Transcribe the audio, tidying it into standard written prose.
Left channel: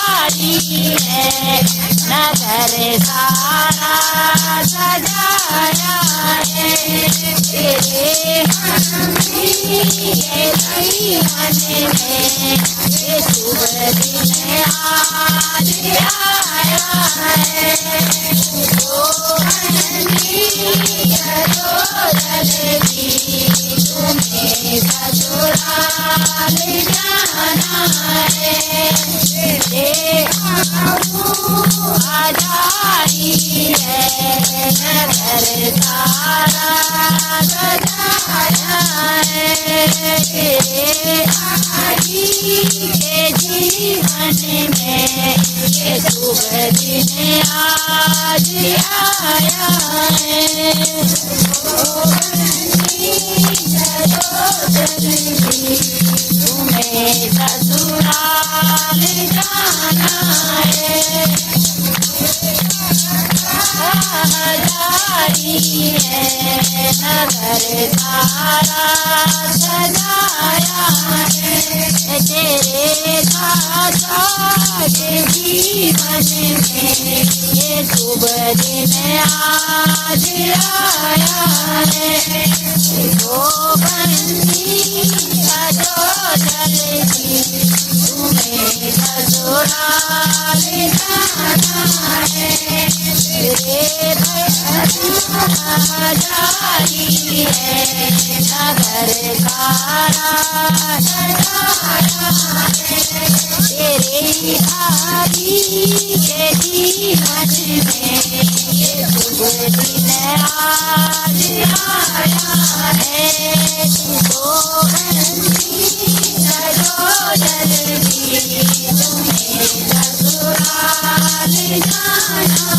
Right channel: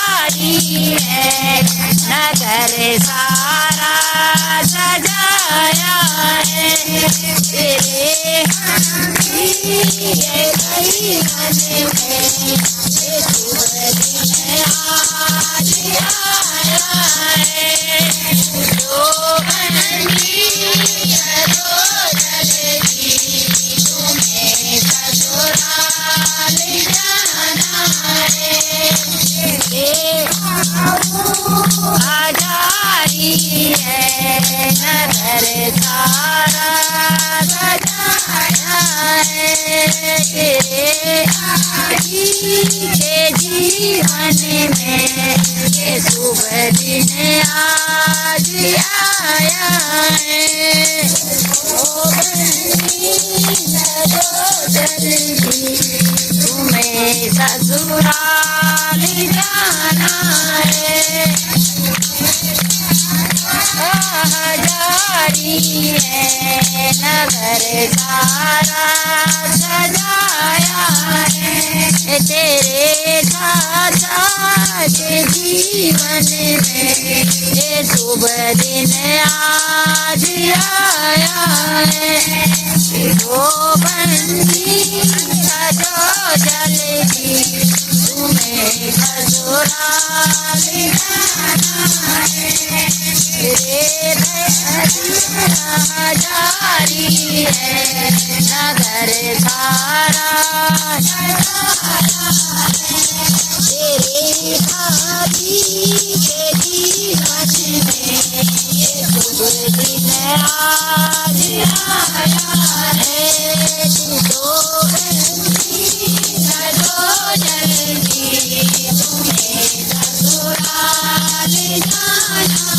जारी है नगर सारा सजाया है तेरे ये गई मन में ये शुभ दिन आज आया है तो बंदी करो जल्दी तुम्हें ससुराल जाना है आजारी है नगर सारा सजाया है तेरे आजी के जीवन में ये शुभ दिन आज आया है तुम्हें ससुराल जाना है जारी है नगर सारा सजाया है तेरे चाचा के जीवन में ये शुभ दिन आज आया है तो बंदी करो जल्दी तुम्हें ससुराल जाना है तेरे जारी है नगर सारा तेरे भाभी के जीवन में ये शुभ दिन आज आया है तो बंदी करो जल्दी तुम्हें ससुराल जाना